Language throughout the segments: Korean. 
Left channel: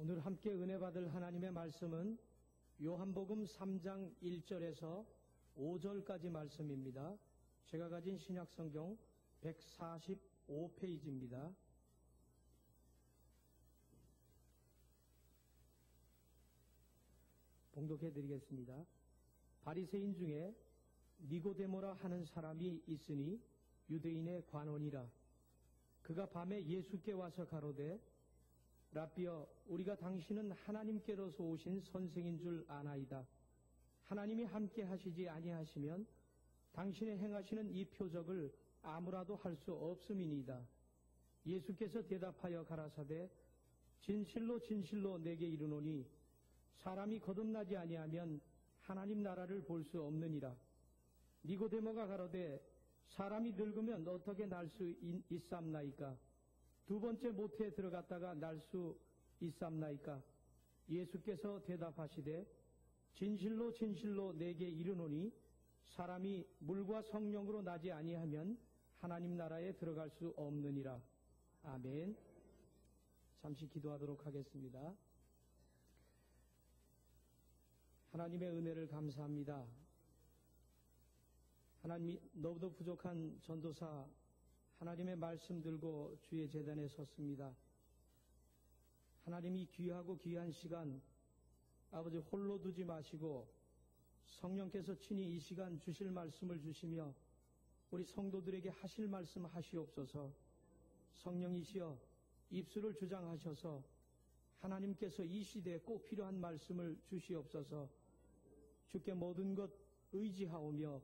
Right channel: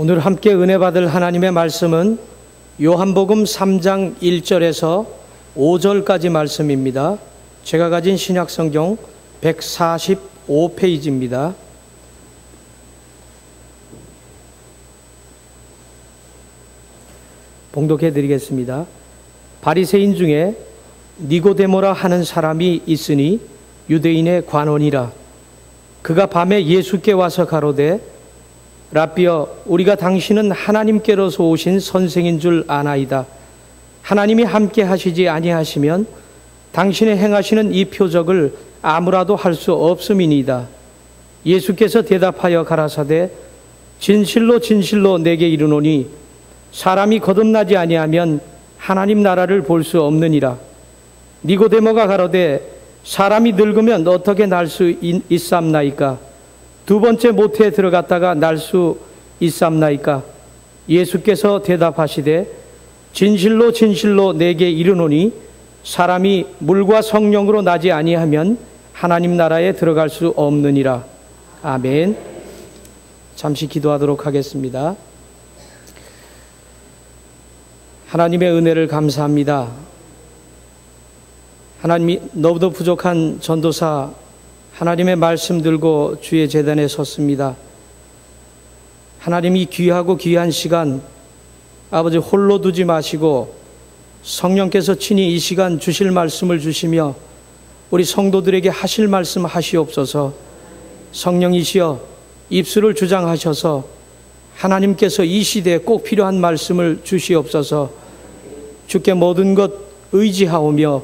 오늘 함께 은혜 받을 하나님의 말씀은 요한복음 3장 1절에서 5절까지 말씀입니다. 제가 가진 신약성경 145페이지입니다. 봉독해 드리겠습니다. 바리새인 중에 니고데모라 하는 사람이 있으니 유대인의 관원이라. 그가 밤에 예수께 와서 가로되 라삐여, 우리가 당신은 하나님께로서 오신 선생인 줄 아나이다. 하나님이 함께 하시지 아니하시면 당신의 행하시는 이 표적을 아무라도 할 수 없음이니이다. 예수께서 대답하여 가라사대 진실로 진실로 내게 이르노니 사람이 거듭나지 아니하면 하나님 나라를 볼 수 없느니라. 니고데모가 가로되 사람이 늙으면 어떻게 날 수 있삼나이까? 두 번째 모태에 들어갔다가 날 수 있삼나이까? 예수께서 대답하시되 진실로 진실로 내게 이르노니 사람이 물과 성령으로 나지 아니하면 하나님 나라에 들어갈 수 없느니라. 아멘. 잠시 기도하도록 하겠습니다. 하나님의 은혜를 감사합니다. 하나님이 너무도 부족한 전도사 하나님의 말씀 들고 주의 제단에 섰습니다. 하나님이 귀하고 귀한 시간 아버지 홀로 두지 마시고 성령께서 친히 이 시간 주실 말씀을 주시며 우리 성도들에게 하실 말씀 하시옵소서. 성령이시여 입술을 주장하셔서 하나님께서 이 시대에 꼭 필요한 말씀을 주시옵소서. 주께 모든 것 의지하오며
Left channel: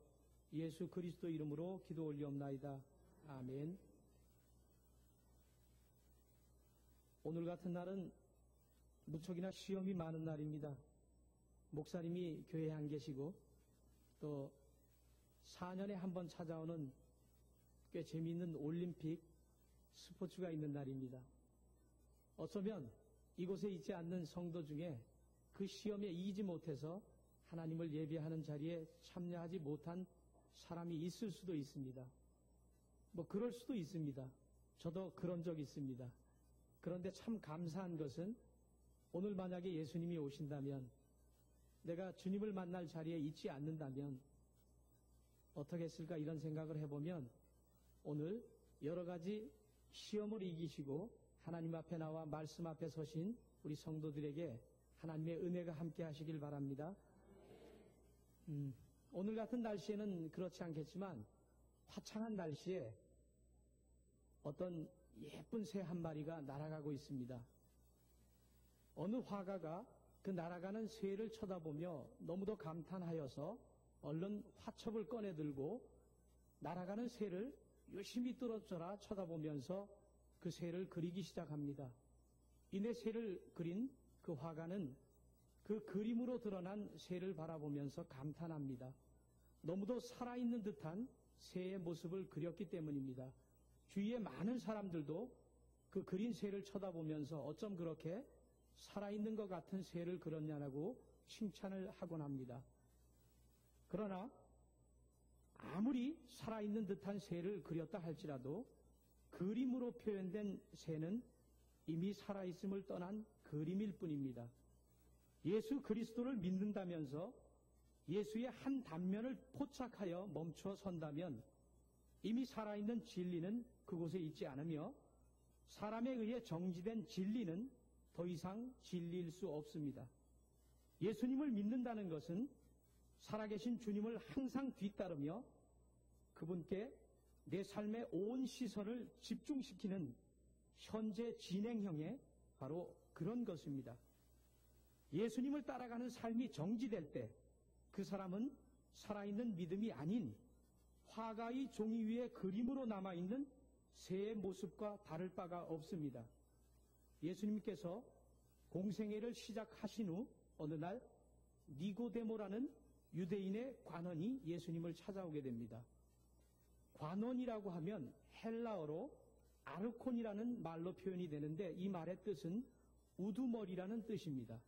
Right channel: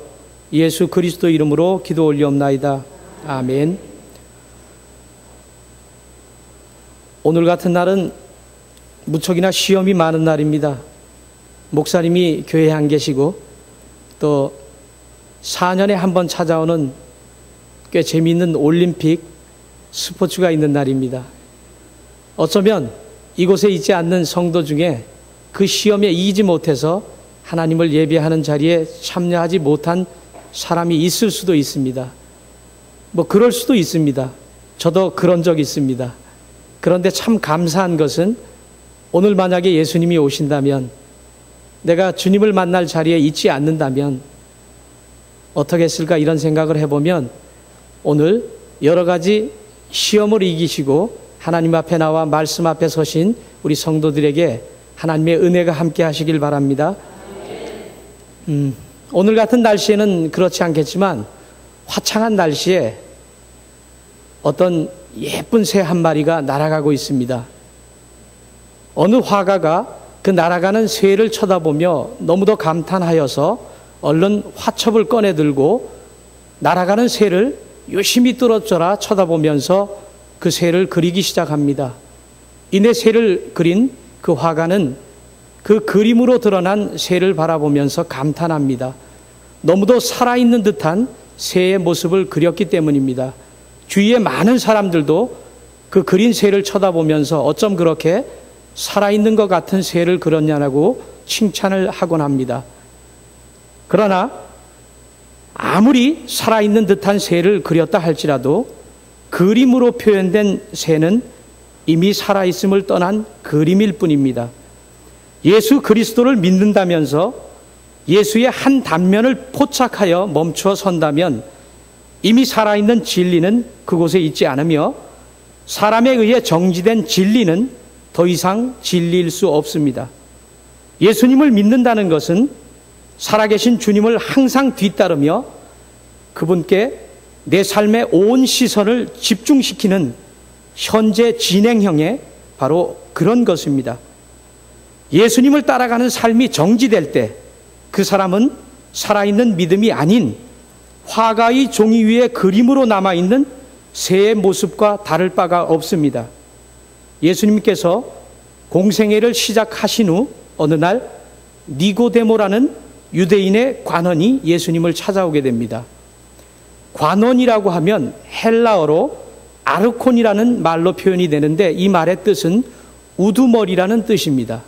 예수 그리스도 이름으로 기도 올리옵나이다. 아멘. 오늘 같은 날은 무척이나 시험이 많은 날입니다. 목사님이 교회에 안 계시고 또 4년에 한 번 찾아오는 꽤 재미있는 올림픽 스포츠가 있는 날입니다. 어쩌면 이곳에 있지 않는 성도 중에 그 시험에 이기지 못해서 하나님을 예배하는 자리에 참여하지 못한 사람이 있을 수도 있습니다. 뭐 그럴 수도 있습니다. 저도 그런 적이 있습니다. 그런데 참 감사한 것은 오늘 만약에 예수님이 오신다면 내가 주님을 만날 자리에 있지 않는다면 어떻게 했을까 이런 생각을 해보면 오늘 여러 가지 시험을 이기시고 하나님 앞에 나와 말씀 앞에 서신 우리 성도들에게 하나님의 은혜가 함께 하시길 바랍니다. 오늘 같은 날씨에는 그렇지 않겠지만 화창한 날씨에 어떤 예쁜 새 한 마리가 날아가고 있습니다. 어느 화가가 그 날아가는 새를 쳐다보며 너무도 감탄하여서 얼른 화첩을 꺼내 들고 날아가는 새를 유심히 뚫어져라 쳐다보면서 그 새를 그리기 시작합니다. 이내 새를 그린 그 화가는 그 그림으로 드러난 새를 바라보면서 감탄합니다. 너무도 살아있는 듯한 새의 모습을 그렸기 때문입니다. 주위에 많은 사람들도 그 그린 새를 쳐다보면서 어쩜 그렇게 살아있는 것 같은 새를 그렸냐고 칭찬을 하곤 합니다. 그러나 아무리 살아있는 듯한 새를 그렸다 할지라도 그림으로 표현된 새는 이미 살아있음을 떠난 그림일 뿐입니다. 예수 그리스도를 믿는다면서 예수의 한 단면을 포착하여 멈추어 선다면 이미 살아있는 진리는 그곳에 있지 않으며 사람에 의해 정지된 진리는 더 이상 진리일 수 없습니다. 예수님을 믿는다는 것은 살아계신 주님을 항상 뒤따르며 그분께 내 삶의 온 시선을 집중시키는 현재 진행형의 바로 그런 것입니다. 예수님을 따라가는 삶이 정지될 때 그 사람은 살아있는 믿음이 아닌 화가의 종이 위에 그림으로 남아있는 새의 모습과 다를 바가 없습니다. 예수님께서 공생애를 시작하신 후 어느 날 니고데모라는 유대인의 관원이 예수님을 찾아오게 됩니다. 관원이라고 하면 헬라어로 아르콘이라는 말로 표현이 되는데 이 말의 뜻은 우두머리라는 뜻입니다.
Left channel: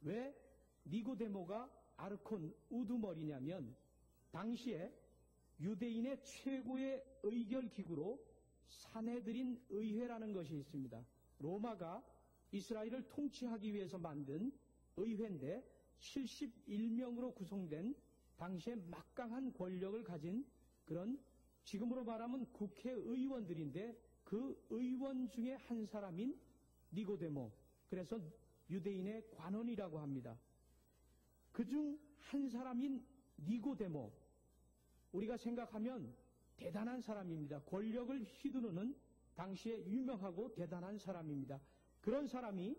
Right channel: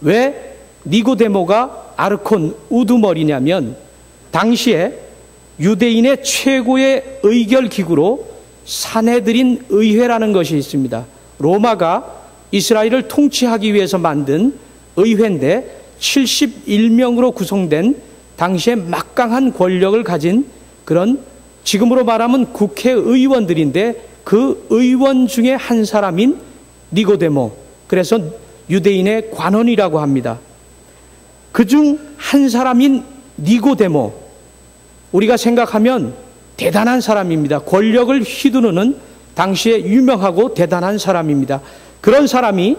왜 니고데모가 아르콘 우두머리냐면 당시에 유대인의 최고의 의결기구로 산헤드린 의회라는 것이 있습니다. 로마가 이스라엘을 통치하기 위해서 만든 의회인데 71명으로 구성된 당시에 막강한 권력을 가진 그런 지금으로 말하면 국회의원들인데 그 의원 중에 한 사람인 니고데모, 그래서 유대인의 관원이라고 합니다. 그중 한 사람인 니고데모, 우리가 생각하면 대단한 사람입니다. 권력을 휘두르는 당시에 유명하고 대단한 사람입니다. 그런 사람이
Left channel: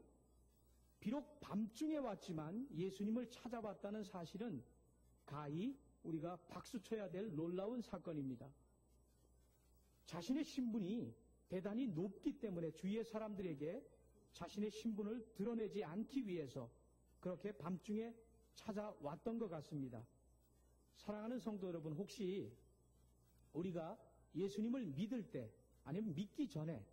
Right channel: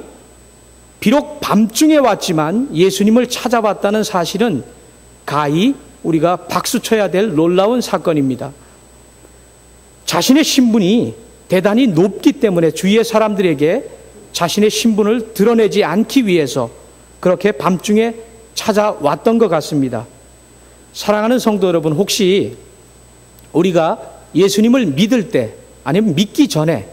비록 밤중에 왔지만 예수님을 찾아왔다는 사실은 가히 우리가 박수쳐야 될 놀라운 사건입니다. 자신의 신분이 대단히 높기 때문에 주위의 사람들에게 자신의 신분을 드러내지 않기 위해서 그렇게 밤중에 찾아왔던 것 같습니다. 사랑하는 성도 여러분, 혹시 우리가 예수님을 믿을 때, 아니면 믿기 전에,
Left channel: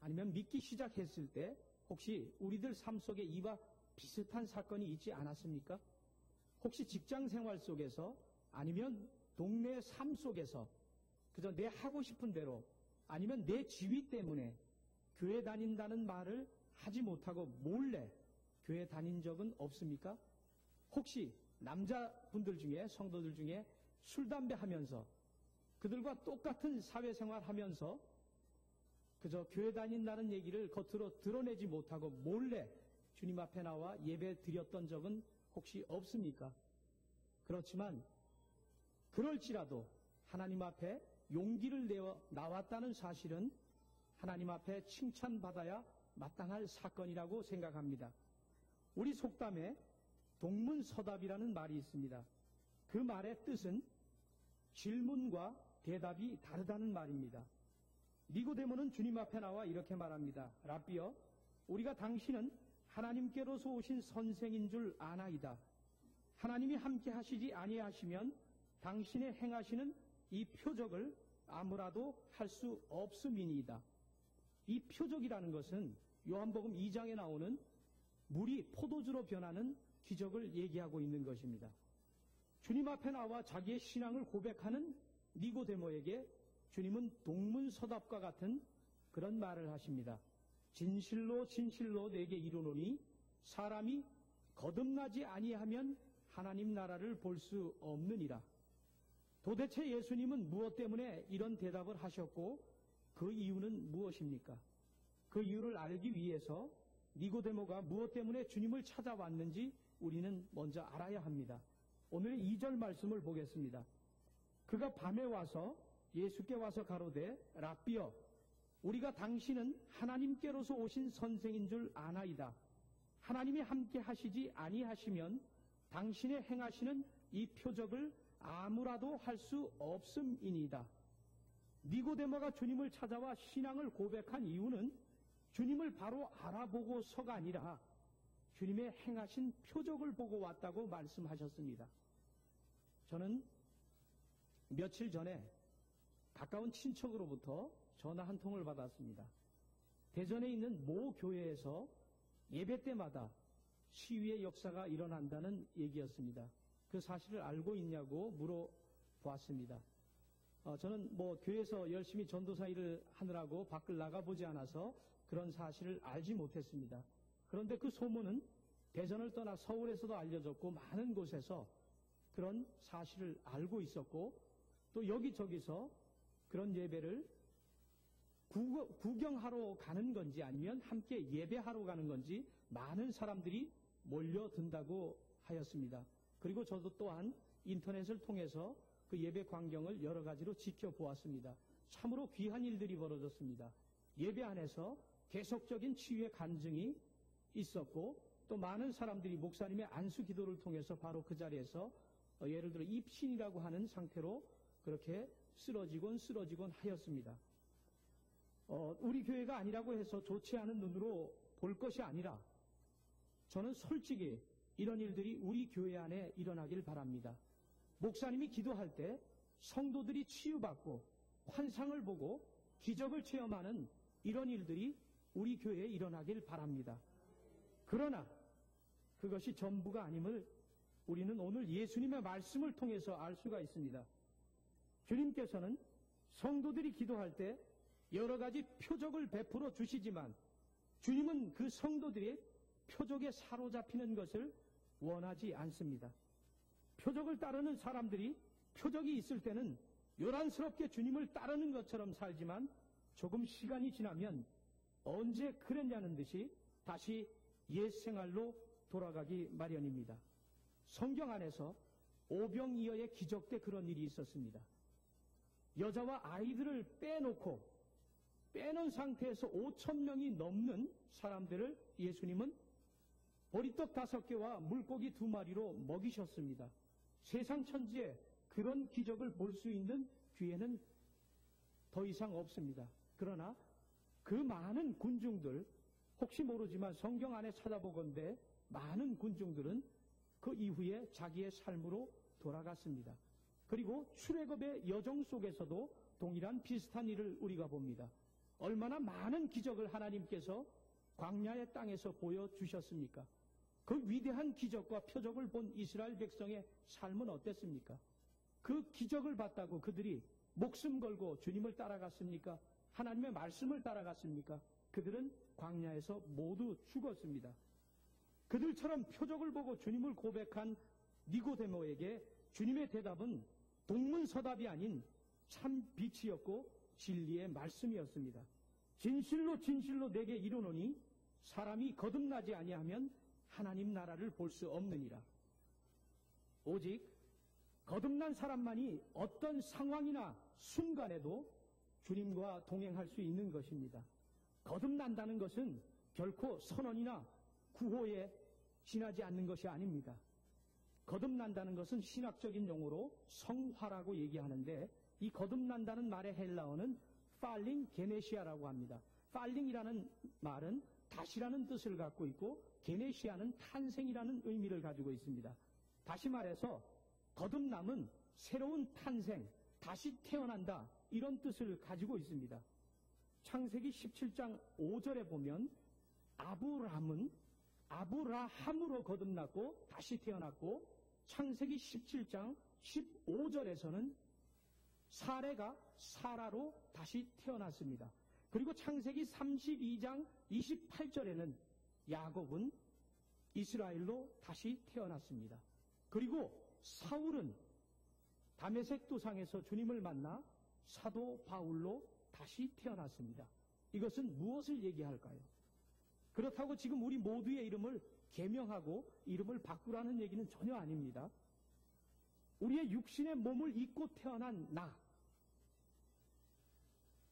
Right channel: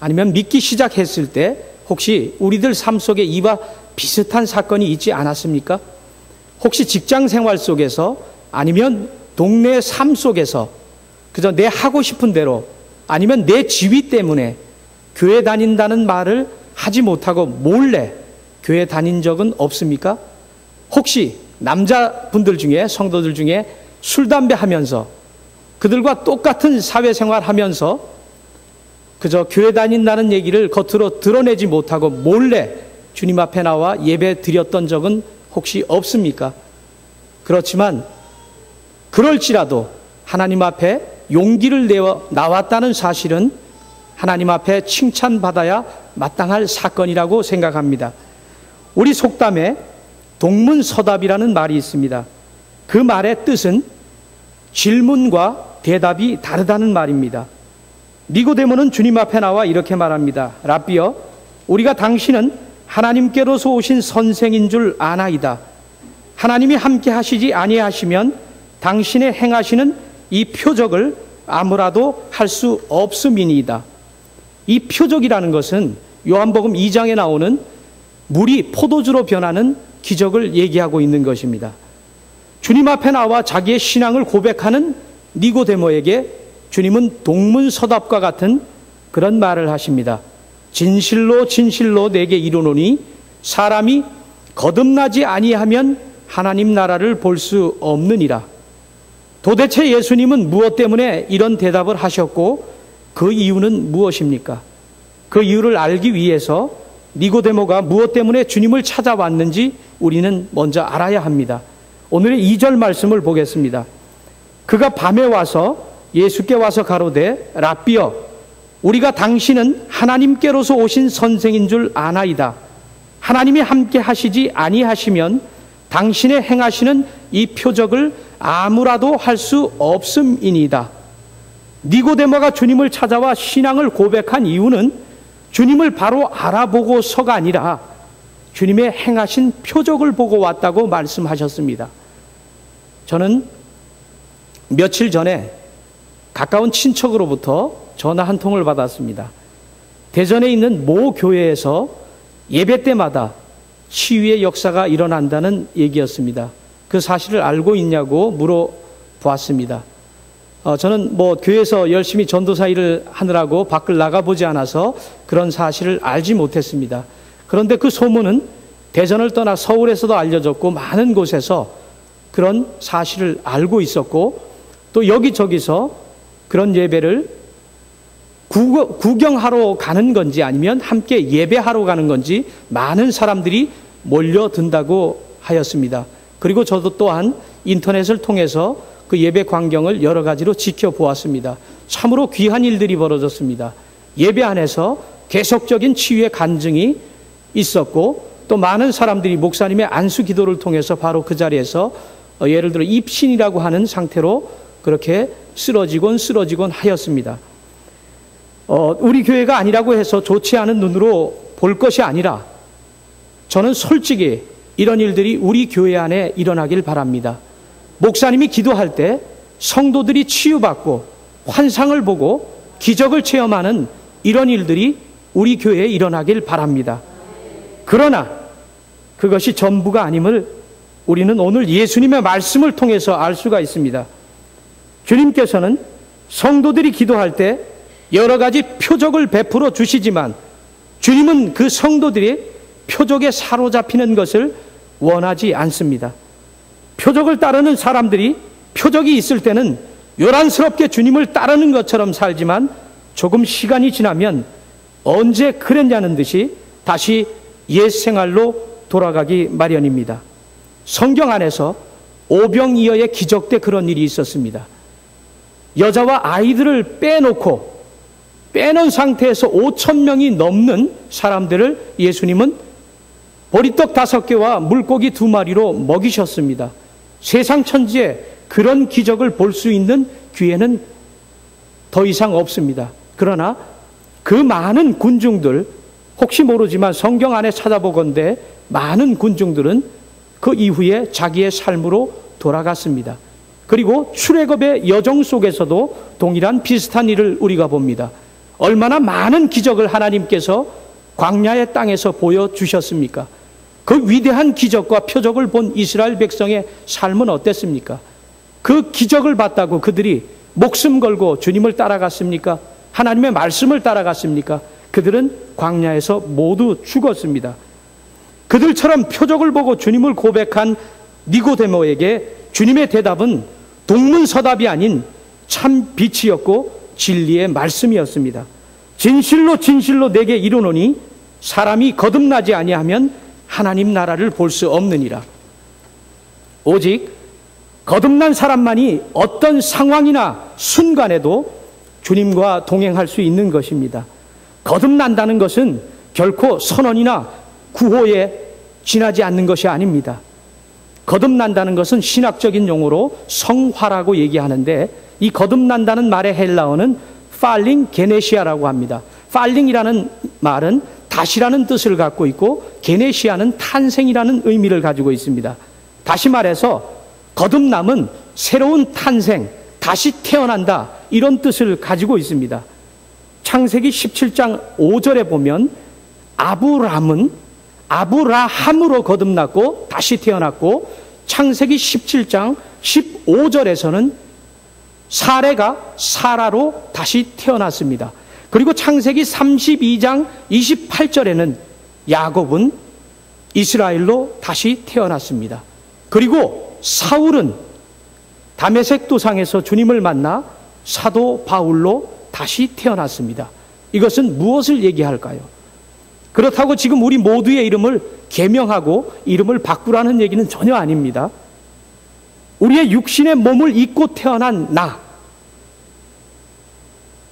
아니면 믿기 시작했을 때 혹시 우리들 삶 속에 이와 비슷한 사건이 있지 않았습니까? 혹시 직장 생활 속에서, 아니면 동네 삶 속에서 그저 내 하고 싶은 대로, 아니면 내 지위 때문에 교회 다닌다는 말을 하지 못하고 몰래 교회 다닌 적은 없습니까? 혹시 남자분들 중에, 성도들 중에 술, 담배 하면서 그들과 똑같은 사회생활 하면서 그저 교회 다닌다는 얘기를 겉으로 드러내지 못하고 몰래 주님 앞에 나와 예배 드렸던 적은 혹시 없습니까? 그렇지만 그럴지라도 하나님 앞에 용기를 내어 나왔다는 사실은 하나님 앞에 칭찬받아야 마땅할 사건이라고 생각합니다. 우리 속담에 동문서답이라는 말이 있습니다. 그 말의 뜻은 질문과 대답이 다르다는 말입니다. 니고데모는 주님 앞에 나와 이렇게 말합니다. 라비여, 우리가 당신은 하나님께로서 오신 선생인 줄 아나이다. 하나님이 함께 하시지 아니하시면 당신의 행하시는 이 표적을 아무라도 할 수 없음이니이다. 이 표적이라는 것은 요한복음 2장에 나오는 물이 포도주로 변하는 기적을 얘기하고 있는 것입니다. 주님 앞에 나와 자기의 신앙을 고백하는 니고데모에게 주님은 동문서답과 같은 그런 말을 하십니다. 진실로 진실로 내게 이르노니 사람이 거듭나지 아니하면 하나님 나라를 볼 수 없느니라. 도대체 예수님은 무엇 때문에 이런 대답을 하셨고 그 이유는 무엇입니까? 그 이유를 알기 위해서 니고데모가 무엇 때문에 주님을 찾아왔는지 우리는 먼저 알아야 합니다. 오늘의 2절 말씀을 보겠습니다. 그가 밤에 와서 예수께 와서 가로되 라비여, 우리가 당신은 하나님께로서 오신 선생인 줄 아나이다. 하나님이 함께 하시지 아니하시면 당신의 행하시는 이 표적을 아무라도 할 수 없음이니이다. 니고데모가 주님을 찾아와 신앙을 고백한 이유는 주님을 바로 알아보고서가 아니라 주님의 행하신 표적을 보고 왔다고 말씀하셨습니다. 저는 며칠 전에 가까운 친척으로부터 전화 한 통을 받았습니다. 대전에 있는 모 교회에서 예배 때마다 치유의 역사가 일어난다는 얘기였습니다. 그 사실을 알고 있냐고 물어보았습니다. 저는 교회에서 열심히 전도사 일을 하느라고 밖을 나가보지 않아서 그런 사실을 알지 못했습니다. 그런데 그 소문은 대전을 떠나 서울에서도 알려졌고 많은 곳에서 그런 사실을 알고 있었고 또 여기저기서 그런 예배를 구경하러 가는 건지 아니면 함께 예배하러 가는 건지 많은 사람들이 몰려든다고 하였습니다. 그리고 저도 또한 인터넷을 통해서 그 예배 광경을 여러 가지로 지켜보았습니다. 참으로 귀한 일들이 벌어졌습니다. 예배 안에서 계속적인 치유의 간증이 있었고 또 많은 사람들이 목사님의 안수 기도를 통해서 바로 그 자리에서 예를 들어 입신이라고 하는 상태로 그렇게 쓰러지곤 하였습니다. 우리 교회가 아니라고 해서 좋지 않은 눈으로 볼 것이 아니라 저는 솔직히 이런 일들이 우리 교회 안에 일어나길 바랍니다. 목사님이 기도할 때 성도들이 치유받고 환상을 보고 기적을 체험하는 이런 일들이 우리 교회에 일어나길 바랍니다. 그러나 그것이 전부가 아님을 우리는 오늘 예수님의 말씀을 통해서 알 수가 있습니다. 주님께서는 성도들이 기도할 때 여러 가지 표적을 베풀어 주시지만 주님은 그 성도들이 표적에 사로잡히는 것을 원하지 않습니다. 표적을 따르는 사람들이 표적이 있을 때는 요란스럽게 주님을 따르는 것처럼 살지만 조금 시간이 지나면 언제 그랬냐는 듯이 다시 옛 생활로 돌아가기 마련입니다. 성경 안에서 오병이어의 기적 때 그런 일이 있었습니다. 여자와 아이들을 빼놓은 상태에서 5,000명이 넘는 사람들을 예수님은 보리떡 5개와 물고기 2마리로 먹이셨습니다. 세상 천지에 그런 기적을 볼 수 있는 기회는 더 이상 없습니다. 그러나 그 많은 군중들, 혹시 모르지만 성경 안에 찾아보건대 많은 군중들은 그 이후에 자기의 삶으로 돌아갔습니다. 그리고 출애굽의 여정 속에서도 동일한 비슷한 일을 우리가 봅니다. 얼마나 많은 기적을 하나님께서 광야의 땅에서 보여주셨습니까? 그 위대한 기적과 표적을 본 이스라엘 백성의 삶은 어땠습니까? 그 기적을 봤다고 그들이 목숨 걸고 주님을 따라갔습니까? 하나님의 말씀을 따라갔습니까? 그들은 광야에서 모두 죽었습니다. 그들처럼 표적을 보고 주님을 고백한 니고데모에게 주님의 대답은 동문서답이 아닌 참 빛이었고 진리의 말씀이었습니다. 진실로 진실로 내게 이르노니 사람이 거듭나지 아니하면 하나님 나라를 볼 수 없느니라. 오직 거듭난 사람만이 어떤 상황이나 순간에도 주님과 동행할 수 있는 것입니다. 거듭난다는 것은 결코 선언이나 구호에 지나지 않는 것이 아닙니다. 거듭난다는 것은 신학적인 용어로 성화라고 얘기하는데, 이 거듭난다는 말의 헬라어는 팔링 게네시아라고 합니다. 팔링이라는 말은 다시라는 뜻을 갖고 있고 게네시아는 탄생이라는 의미를 가지고 있습니다. 다시 말해서 거듭남은 새로운 탄생, 다시 태어난다, 이런 뜻을 가지고 있습니다. 창세기 17장 5절에 보면 아브라함으로 거듭났고 다시 태어났고, 창세기 17장 15절에서는 사레가 사라로 다시 태어났습니다. 그리고 창세기 32장 28절에는 야곱은 이스라엘로 다시 태어났습니다. 그리고 사울은 다메섹 도상에서 주님을 만나 사도 바울로 다시 태어났습니다. 이것은 무엇을 얘기할까요? 그렇다고 지금 우리 모두의 이름을 계명하고 이름을 바꾸라는 얘기는 전혀 아닙니다. 우리의 육신의 몸을 입고 태어난 나,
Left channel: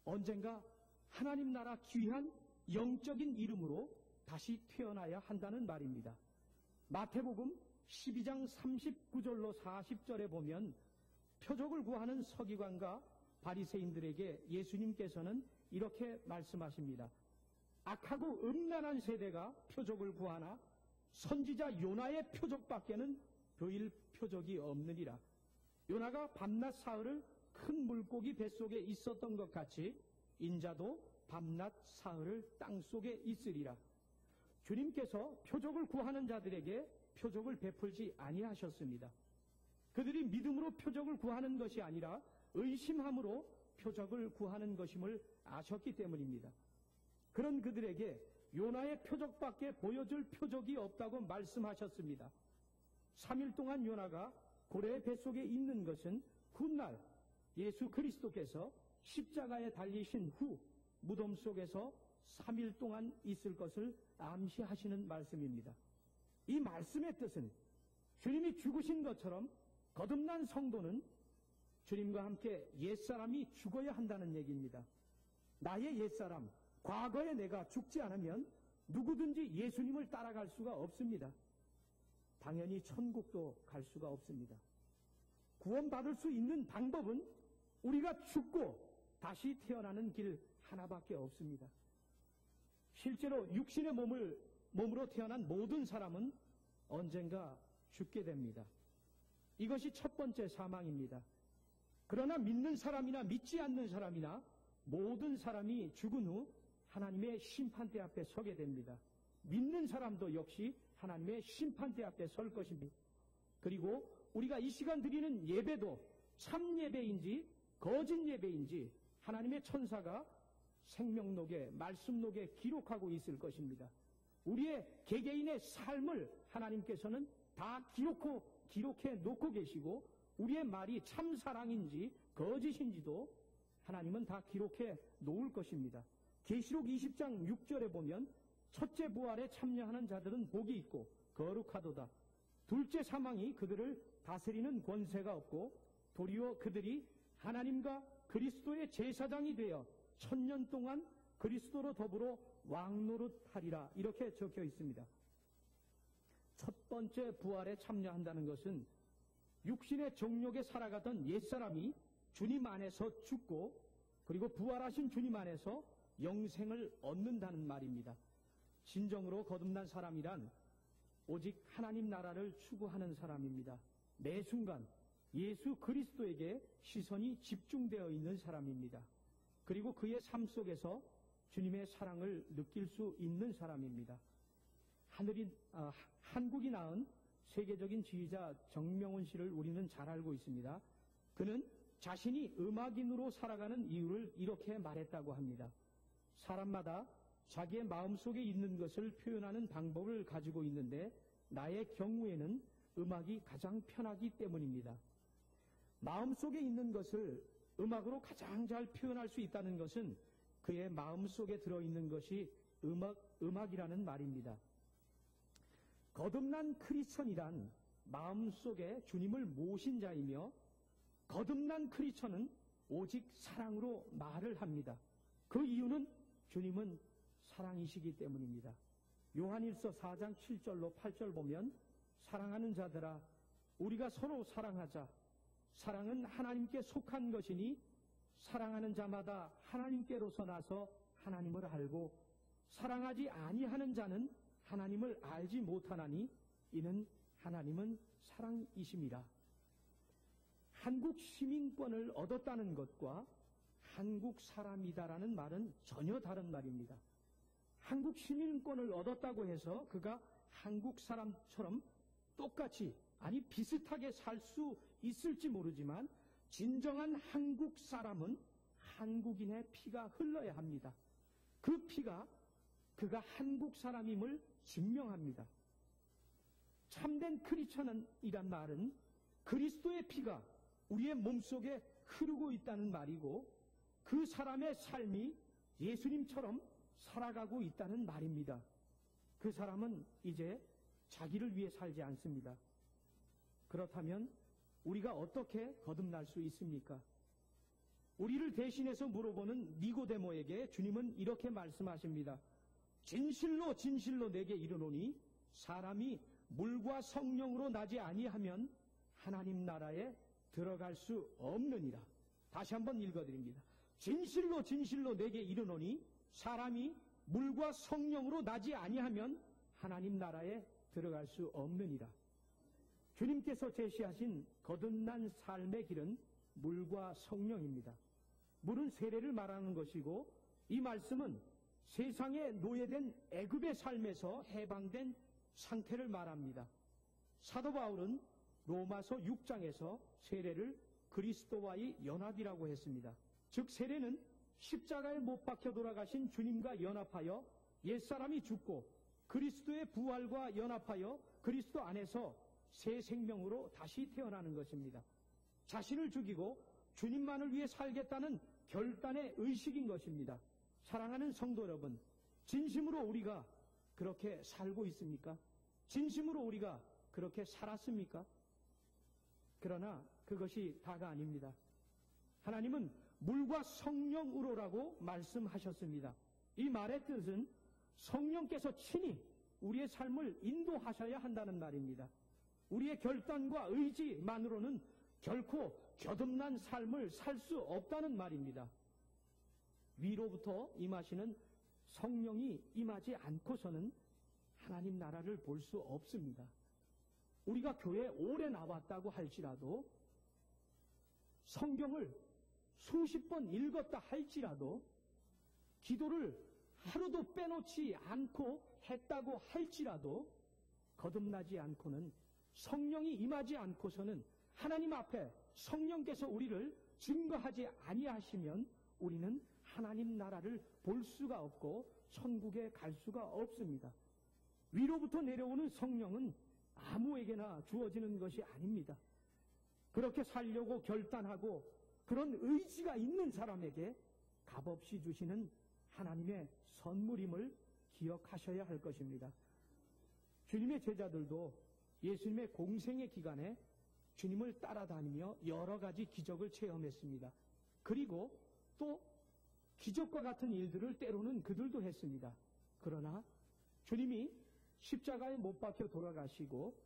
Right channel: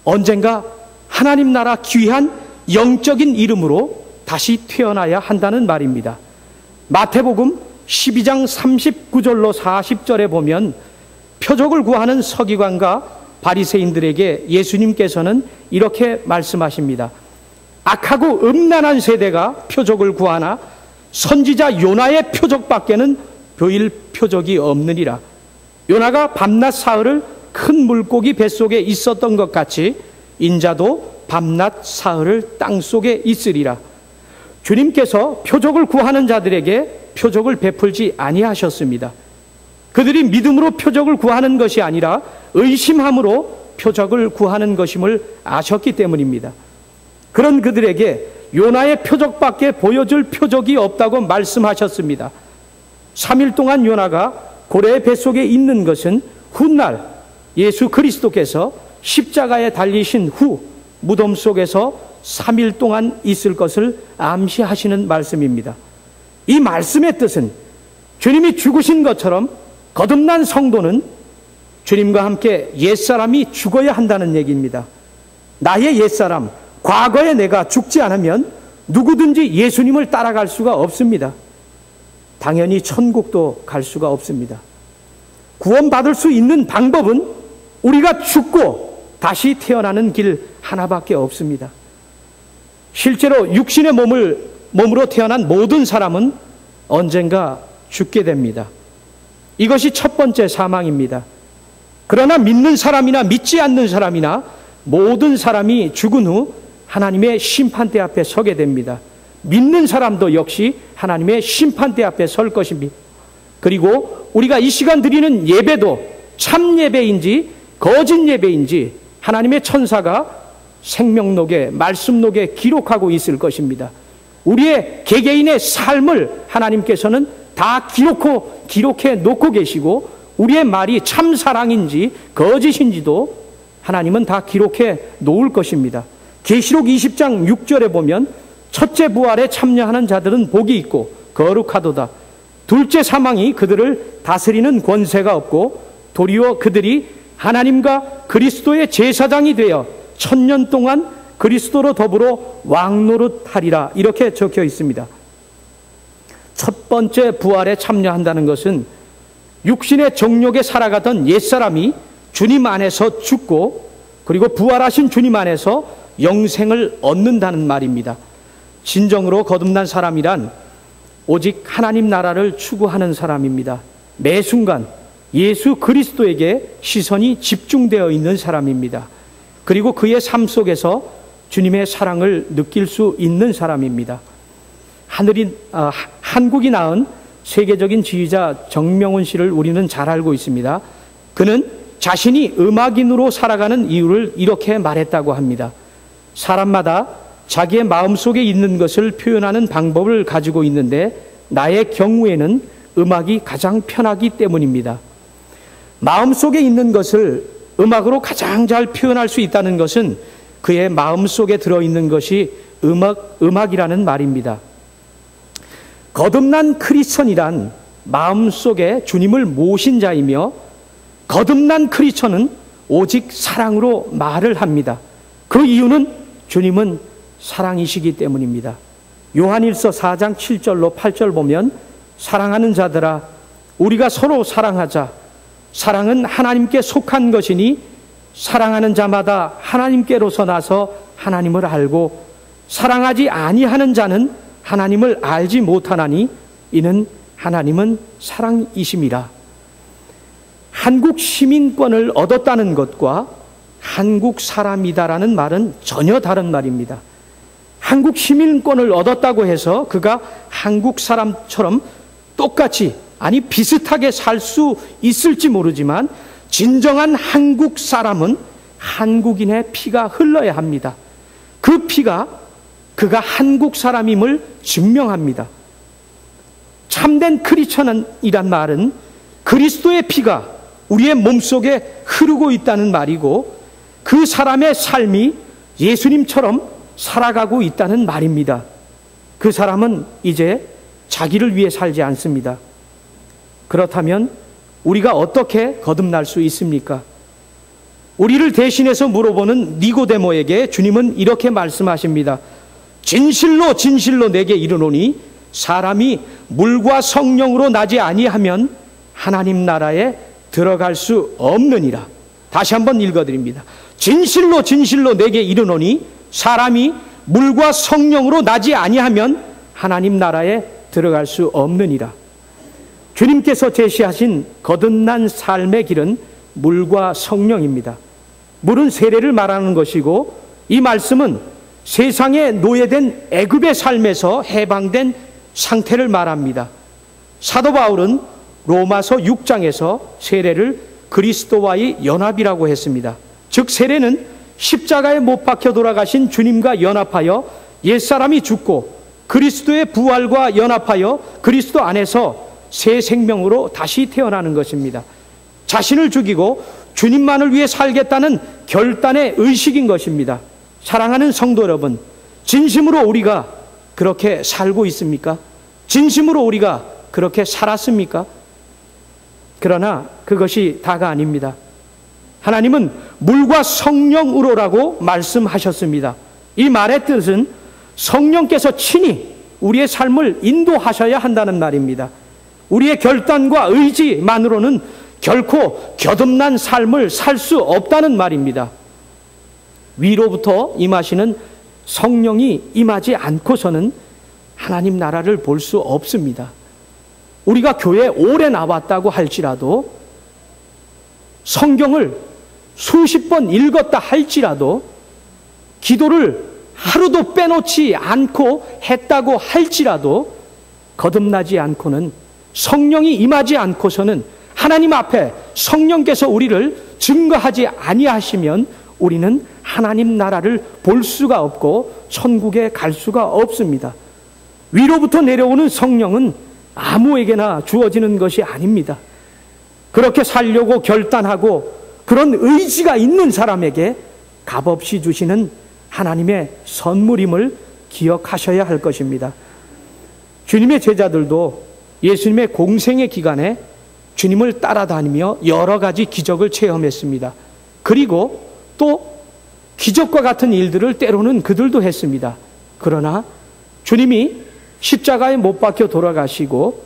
언젠가 하나님 나라 귀한 영적인 이름으로 다시 태어나야 한다는 말입니다. 마태복음 12장 39절로 40절에 보면 표적을 구하는 서기관과 바리새인들에게 예수님께서는 이렇게 말씀하십니다. 악하고 음란한 세대가 표적을 구하나 선지자 요나의 표적밖에는 보일 표적이 없느니라. 요나가 밤낮 사흘을 큰 물고기 뱃속에 있었던 것 같이 인자도 밤낮 사흘을 땅속에 있으리라. 주님께서 표적을 구하는 자들에게 표적을 베풀지 아니하셨습니다. 그들이 믿음으로 표적을 구하는 것이 아니라 의심함으로 표적을 구하는 것임을 아셨기 때문입니다. 그런 그들에게 요나의 표적밖에 보여줄 표적이 없다고 말씀하셨습니다. 3일 동안 요나가 고래의 뱃속에 있는 것은 훗날 예수 그리스도께서 십자가에 달리신 후 무덤 속에서 3일 동안 있을 것을 암시하시는 말씀입니다. 이 말씀의 뜻은 주님이 죽으신 것처럼 거듭난 성도는 주님과 함께 옛사람이 죽어야 한다는 얘기입니다. 나의 옛사람, 과거에 내가 죽지 않으면 누구든지 예수님을 따라갈 수가 없습니다. 당연히 천국도 갈 수가 없습니다. 구원받을 수 있는 방법은 우리가 죽고 다시 태어나는 길 하나밖에 없습니다. 실제로 육신의 몸으로 태어난 모든 사람은 언젠가 죽게 됩니다. 이것이 첫 번째 사망입니다. 그러나 믿는 사람이나 믿지 않는 사람이나 모든 사람이 죽은 후 하나님의 심판대 앞에 서게 됩니다. 믿는 사람도 역시 하나님의 심판대 앞에 설 것입니다. 그리고 우리가 이 시간 드리는 예배도 참 예배인지 거짓 예배인지 하나님의 천사가 생명록에, 말씀록에 기록하고 있을 것입니다. 우리의 개개인의 삶을 하나님께서는 다 기록해 놓고 계시고, 우리의 말이 참 사랑인지 거짓인지도 하나님은 다 기록해 놓을 것입니다. 계시록 20장 6절에 보면 첫째 부활에 참여하는 자들은 복이 있고 거룩하도다. 둘째 사망이 그들을 다스리는 권세가 없고 도리어 그들이 하나님과 그리스도의 제사장이 되어 1000년 동안 그리스도로 더불어 왕노릇하리라, 이렇게 적혀 있습니다. 첫 번째 부활에 참여한다는 것은 육신의 정욕에 살아가던 옛사람이 주님 안에서 죽고, 그리고 부활하신 주님 안에서 영생을 얻는다는 말입니다. 진정으로 거듭난 사람이란 오직 하나님 나라를 추구하는 사람입니다. 매 순간 예수 그리스도에게 시선이 집중되어 있는 사람입니다. 그리고 그의 삶 속에서 주님의 사랑을 느낄 수 있는 사람입니다. 한국이 낳은 세계적인 지휘자 정명훈 씨를 우리는 잘 알고 있습니다. 그는 자신이 음악인으로 살아가는 이유를 이렇게 말했다고 합니다. 사람마다 자기의 마음속에 있는 것을 표현하는 방법을 가지고 있는데 나의 경우에는 음악이 가장 편하기 때문입니다. 마음속에 있는 것을 음악으로 가장 잘 표현할 수 있다는 것은 그의 마음속에 들어있는 것이 음악이라는 말입니다. 거듭난 크리스천이란 마음속에 주님을 모신 자이며, 거듭난 크리스천은 오직 사랑으로 말을 합니다. 그 이유는 주님은 사랑이시기 때문입니다. 요한일서 4장 7절로 8절 보면 사랑하는 자들아 우리가 서로 사랑하자. 사랑은 하나님께 속한 것이니 사랑하는 자마다 하나님께로서 나서 하나님을 알고 사랑하지 아니하는 자는 하나님을 알지 못하나니 이는 하나님은 사랑이심이라. 한국 시민권을 얻었다는 것과 한국 사람이다라는 말은 전혀 다른 말입니다. 한국 시민권을 얻었다고 해서 그가 한국 사람처럼 똑같이, 아니 비슷하게 살 수 있을지 모르지만 진정한 한국 사람은 한국인의 피가 흘러야 합니다. 그 피가 그가 한국 사람임을 증명합니다. 참된 크리스천이란 말은 그리스도의 피가 우리의 몸속에 흐르고 있다는 말이고, 그 사람의 삶이 예수님처럼 살아가고 있다는 말입니다. 그 사람은 이제 자기를 위해 살지 않습니다. 그렇다면 우리가 어떻게 거듭날 수 있습니까? 우리를 대신해서 물어보는 니고데모에게 주님은 이렇게 말씀하십니다. 진실로 진실로 내게 이르노니 사람이 물과 성령으로 나지 아니하면 하나님 나라에 들어갈 수 없느니라. 다시 한번 읽어드립니다. 진실로 진실로 내게 이르노니 사람이 물과 성령으로 나지 아니하면 하나님 나라에 들어갈 수 없느니라. 주님께서 제시하신 거듭난 삶의 길은 물과 성령입니다. 물은 세례를 말하는 것이고, 이 말씀은 세상에 노예된 애굽의 삶에서 해방된 상태를 말합니다. 사도 바울은 로마서 6장에서 세례를 그리스도와의 연합이라고 했습니다. 즉 세례는 십자가에 못 박혀 돌아가신 주님과 연합하여 옛사람이 죽고 그리스도의 부활과 연합하여 그리스도 안에서 새 생명으로 다시 태어나는 것입니다. 자신을 죽이고 주님만을 위해 살겠다는 결단의 의식인 것입니다. 사랑하는 성도 여러분, 진심으로 우리가 그렇게 살고 있습니까? 진심으로 우리가 그렇게 살았습니까? 그러나 그것이 다가 아닙니다. 하나님은 물과 성령으로라고 말씀하셨습니다. 이 말의 뜻은 성령께서 친히 우리의 삶을 인도하셔야 한다는 말입니다. 우리의 결단과 의지만으로는 결코 거듭난 삶을 살 수 없다는 말입니다. 위로부터 임하시는 성령이 임하지 않고서는 하나님 나라를 볼 수 없습니다. 우리가 교회에 오래 나왔다고 할지라도, 성경을 수십 번 읽었다 할지라도, 기도를 하루도 빼놓지 않고 했다고 할지라도 거듭나지 않고는, 성령이 임하지 않고서는, 하나님 앞에 성령께서 우리를 증거하지 아니하시면 우리는 하나님 나라를 볼 수가 없고 천국에 갈 수가 없습니다. 위로부터 내려오는 성령은 아무에게나 주어지는 것이 아닙니다. 그렇게 살려고 결단하고 그런 의지가 있는 사람에게 값없이 주시는 하나님의 선물임을 기억하셔야 할 것입니다. 주님의 제자들도 예수님의 공생의 기간에 주님을 따라다니며 여러 가지 기적을 체험했습니다. 그리고 또 기적과 같은 일들을 때로는 그들도 했습니다. 그러나 주님이 십자가에 못 박혀 돌아가시고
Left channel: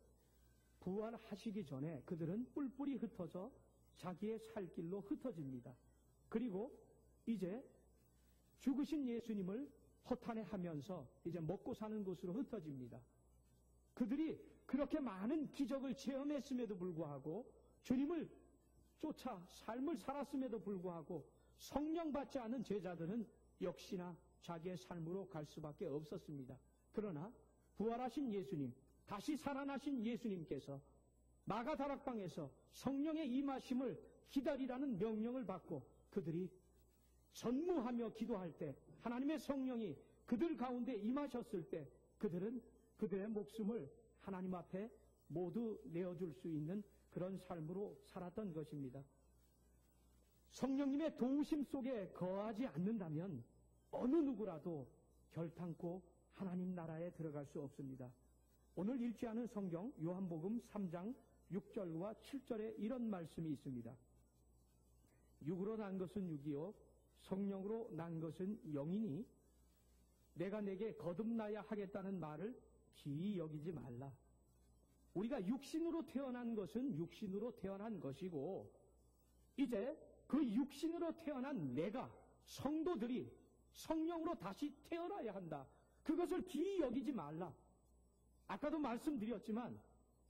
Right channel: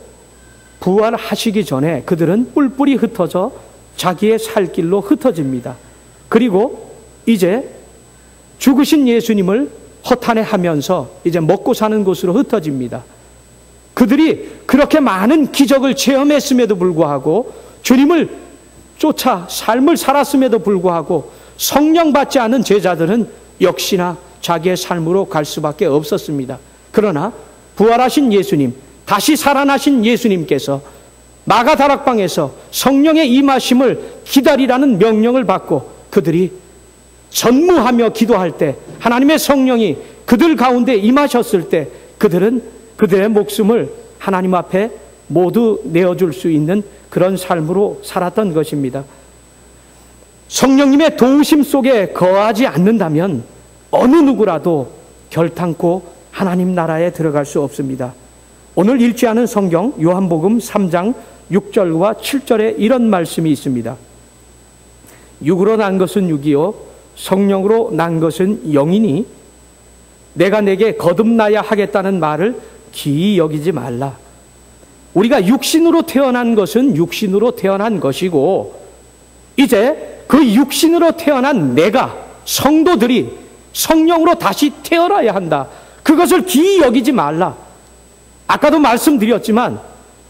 부활하시기 전에 그들은 뿔뿔이 흩어져 자기의 살 길로 흩어집니다. 그리고 이제 죽으신 예수님을 허탄해하면서 이제 먹고 사는 곳으로 흩어집니다. 그들이 그렇게 많은 기적을 체험했음에도 불구하고 주님을 쫓아 삶을 살았음에도 불구하고 성령 받지 않은 제자들은 역시나 자기의 삶으로 갈 수밖에 없었습니다. 그러나 부활하신 예수님, 다시 살아나신 예수님께서 마가다락방에서 성령의 임하심을 기다리라는 명령을 받고 그들이 전무하며 기도할 때 하나님의 성령이 그들 가운데 임하셨을 때 그들은 그들의 목숨을 하나님 앞에 모두 내어줄 수 있는 그런 삶으로 살았던 것입니다. 성령님의 도우심 속에 거하지 않는다면 어느 누구라도 결탄코 하나님 나라에 들어갈 수 없습니다. 오늘 읽지 않은 성경 요한복음 3장 6절과 7절에 이런 말씀이 있습니다. 육으로 난 것은 육이요 성령으로 난 것은 영이니 내가 내게 거듭나야 하겠다는 말을 기이 여기지 말라. 우리가 육신으로 태어난 것은 육신으로 태어난 것이고 이제 그 육신으로 태어난 내가 성도들이 성령으로 다시 태어나야 한다. 그것을 기이 여기지 말라. 아까도 말씀드렸지만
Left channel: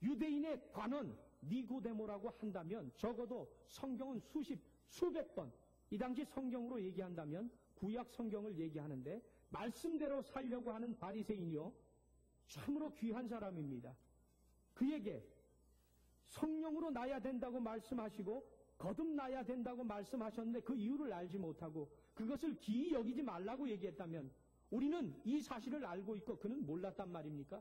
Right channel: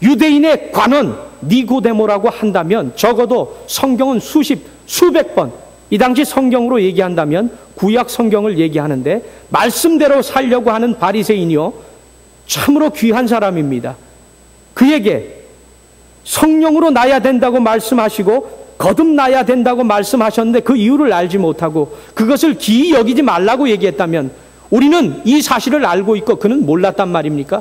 유대인의 관원 니고데모라고 한다면 적어도 성경은 수백 번 이 당시 성경으로 얘기한다면 구약 성경을 얘기하는데 말씀대로 살려고 하는 바리새인이요 참으로 귀한 사람입니다. 그에게 성령으로 나야 된다고 말씀하시고 거듭나야 된다고 말씀하셨는데 그 이유를 알지 못하고 그것을 기이 여기지 말라고 얘기했다면 우리는 이 사실을 알고 있고 그는 몰랐단 말입니까?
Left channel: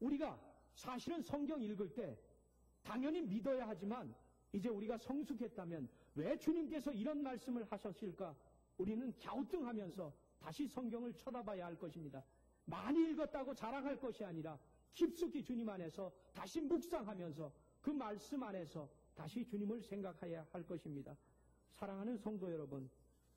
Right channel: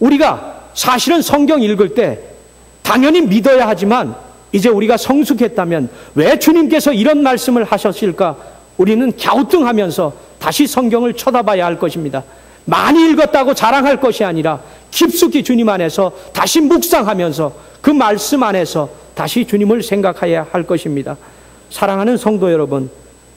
우리가 사실은 성경 읽을 때 당연히 믿어야 하지만 이제 우리가 성숙했다면 왜 주님께서 이런 말씀을 하셨을까? 우리는 갸우뚱하면서 다시 성경을 쳐다봐야 할 것입니다. 많이 읽었다고 자랑할 것이 아니라 깊숙이 주님 안에서 다시 묵상하면서 그 말씀 안에서 다시 주님을 생각해야 할 것입니다. 사랑하는 성도 여러분,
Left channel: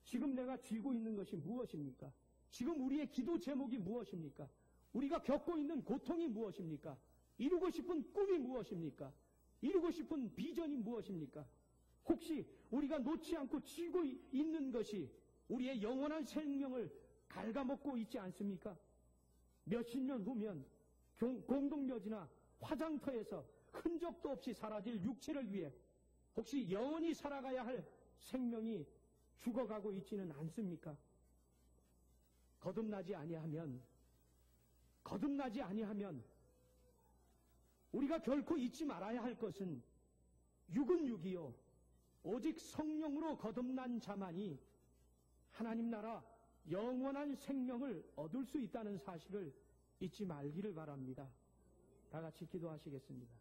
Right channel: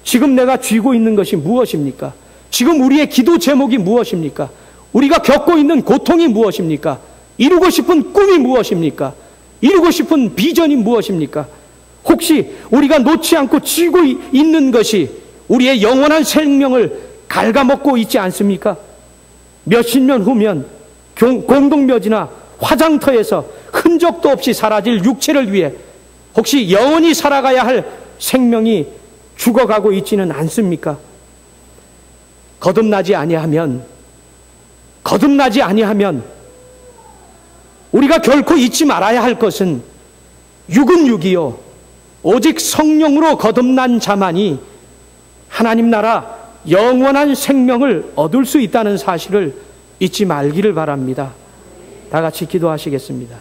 지금 내가 쥐고 있는 것이 무엇입니까? 지금 우리의 기도 제목이 무엇입니까? 우리가 겪고 있는 고통이 무엇입니까? 이루고 싶은 꿈이 무엇입니까? 이루고 싶은 비전이 무엇입니까? 혹시 우리가 놓지 않고 쥐고 있는 것이 우리의 영원한 생명을 갉아먹고 있지 않습니까? 몇십 년 후면 공동묘지나 화장터에서 흔적도 없이 사라질 육체를 위해 혹시 영원히 살아가야 할 생명이 죽어가고 있지는 않습니까? 거듭나지 아니하면 우리가 결코 잊지 말아야 할 것은 육은 육이요 오직 성령으로 거듭난 자만이 하나님 나라 영원한 생명을 얻을 수 있다는 사실을 잊지 말기를 바랍니다. 다 같이 기도하시겠습니다.